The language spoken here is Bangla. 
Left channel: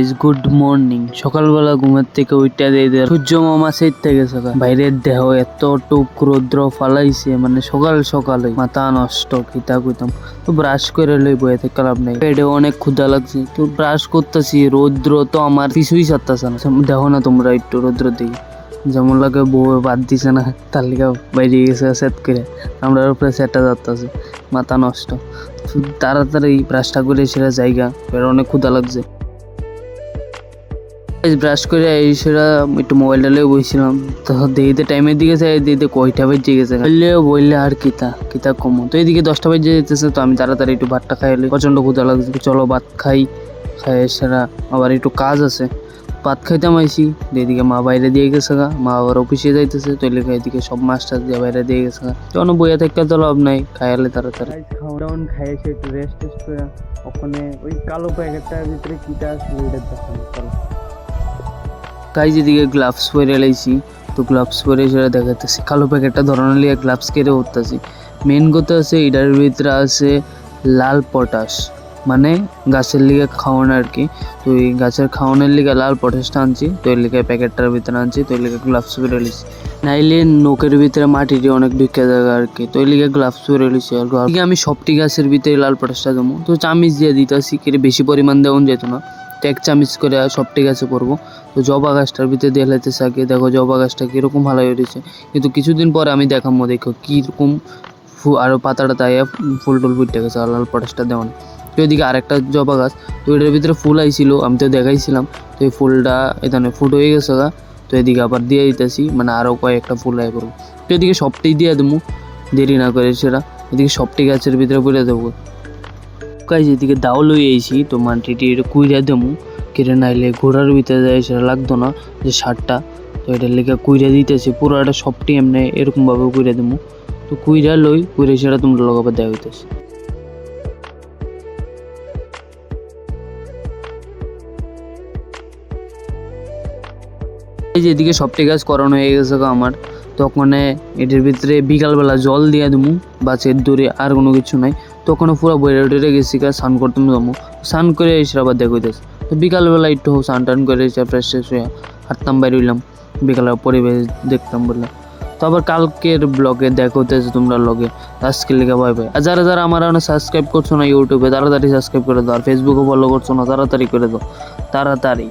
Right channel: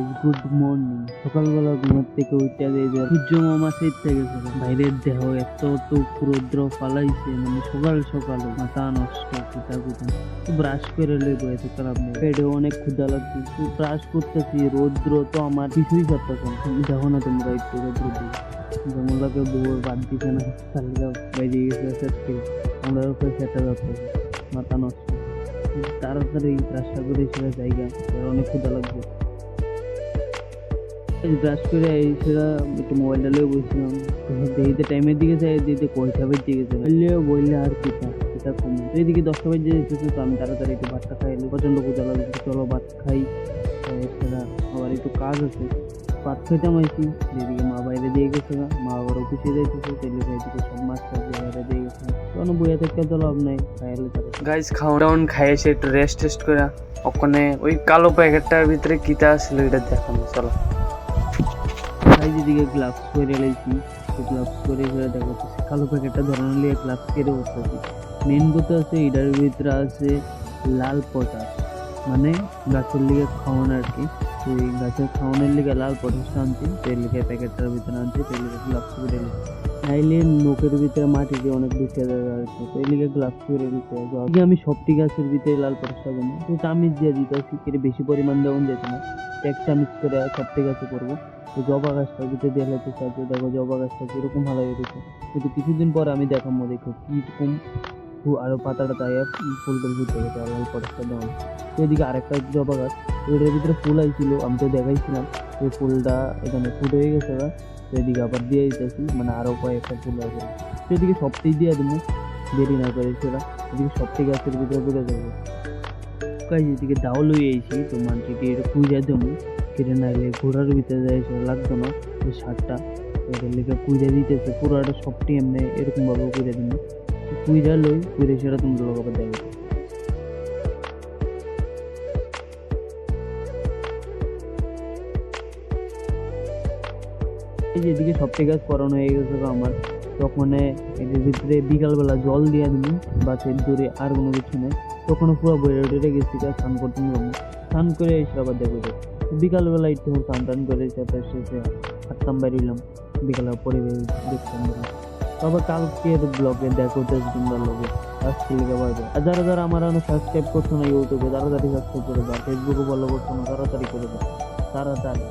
Guys good morning. সকালবেলা ঘুমের থেকে উঠতে দিয়ে সূর্য মামা সেট থেকে সকাল বাইরের দেহ এতটুক রৌদ্র ফালাইছে, মানে সকাল সকালে মাথা নষ্ট কিতা কইতাম। তো ব্রাশ করে লই বয়ে থেকে লাভ নেই, পেটে অনেক ক্ষুধা লাগছে। তো ব্রাশ করতেছি, রৌদ্র তো আমার কিছুই ছাড়তেছে না। দেখো না তোমরা একটু রৌদ্র দিই যেমন লাগে বউ বাদ দিছে না, তার লিগা বাইরে গেছে সেট করে আমরা উপরে সেটটা যাচ্ছে, মাথা নষ্ট। তাড়াতাড়ি ব্রাশটা করে সেরা জায়গা, এর অনেক ক্ষুধা লাগছে। ব্রাশ করে এই সেরা একটু মোবাইল ডালে বসছিলাম, তো দেখিতে টাইমের দিকে যাই, দিতে কয়টা বেজে গেছে বললে আর কিতা কমো। তো এইদিকে 10টা বেজে যেতেছে, তো আমি তাড়াতাড়ি একটু ভাতটা খাইলে প্রচণ্ড ক্ষুধা লাগছে। চলো ভাত খাই, সেরা আবার একটু কাজ আছে। ভাত খাইতাম আইসি, এদিকে মা বাইরে দিয়ে গেছে গা, মা আবার অফিসে যাইতেছে, তো এদিকে সব মাস্টার দিয়ে বাইরে দিয়ে গেছে গা। তখন বইয়া থেকে তো লাভ নাই, খাইলে তাড়াতাড়ি গাইজ খাওয়ান খাইয়ে এসে একটু রেস্ট করে ওখানে ওই কালো প্যাকেটটার ভিতরে কিটা ছিল এটা দেখানো। চলো গাইজ এদিকে গ্লাভস পরে লাইছি, তো গ্লাভস পরে সেটা দেখাতেছি। কালো প্যাকেটটা ধরানোর লিগে গ্লাভস কেটে উঠতেছি। মেন কথা আছে এটার ভিতরে আছে লাল পটাশ, মানে গাছের লিগে খাওয়ানো আর কি। তো এই গাছের খাওয়ানোর লিগে লাল পটাশটা আনছি, তো এর লিগে প্যাকেটটার ভিতরে আনছি, তো এর লিগে গ্লাভস পরে লিছি। নাইলে নোকের ভিতরে মাটিটি অনেক ঢুকে যাবে আর কি, তো এর লিগে গ্লাভস পরে লিছি। আর আমি সবটি গাছের ভিতরে লাল পটাশটা দেবো, তো চামিচ দিয়ে দিতেছি, কেটে বেশি পরিমাণ দেওয়া যেত না, তো 1 চামিচ করে সবটি গাছে করবো। তো জবা গাছটার ভিতরে দিয়ে লাইতে থাকে, দেখো জবা গাছটা কীরকম ভালো হয়েছে। কিন্তু কিছুদিন পরে আমি দেখাবো, দেখো কীরকম আরও পাতাটা তাই ফুল টুল ফুটে গেছে লাল পটাশটা দেওয়া। তো এদিকে আরেকটা জবা গাছ, তো এটার ভিতরে ফুল আইছিল, আমি তো দেখাইছিলাম। তো এই ফুলটা এখানে ফুট হয়ে গেছে গা, তো এদিকে আবার দিয়ে দিতেছি, মানে আরও কয়েকটা ফুল আয় করবো। তো এদিকে সবটি দিয়ে দেবো, দেরি না করে সেটা এদিকে সবটি গাছের ভিতরে পুড়ে দেবো। গাইজ এদিকে দাও লই আইছি, তো মাটিটি এটা কুইরা দেবো, কেটে নাইলে ঘোড়ার ভিতরে যায় সেটা লাগতো না যে সারটা। তো এটার লেগে কুইরা দিতেছি, পুরো একটা সবটি এমনি এরকমভাবে কুইরা দেবো। তো কুইরা লই, কুইরে সেটা তোমরা লগাবার দেওয়া হইতেছে। এই যে এদিকে সবটি গাছ করানো হয়ে গেছে আমার, তখন এটার ভিতরে বিকালবেলা জল দিয়ে দেবো, বাসের দূরে আর কোনো কিছু নাই। তখন পুরো বইরে উঠে গেছি স্নান করতাম যাবো, স্নান করে এসে আবার দেখো দিতেছে। তো বিকালবেলা একটু স্নান টান করে এসে ফ্রেশ হয়ে হাঁটতাম, বাইরে হইলাম, বিকালের পরিবেশ দেখতাম বললাম। তো আবার কালকের ব্লগে দেখা হতেছে তোমরা লগে। আজকে লেগে ভাই ভাই, আর যারা যারা আমার সাবস্ক্রাইব করছো না ইউটিউবে, তাড়াতাড়ি সাবস্ক্রাইব করে দাও। আর ফেসবুকে ফলো করছো না, তাড়াতাড়ি করে দাও, তাড়াতাড়ি।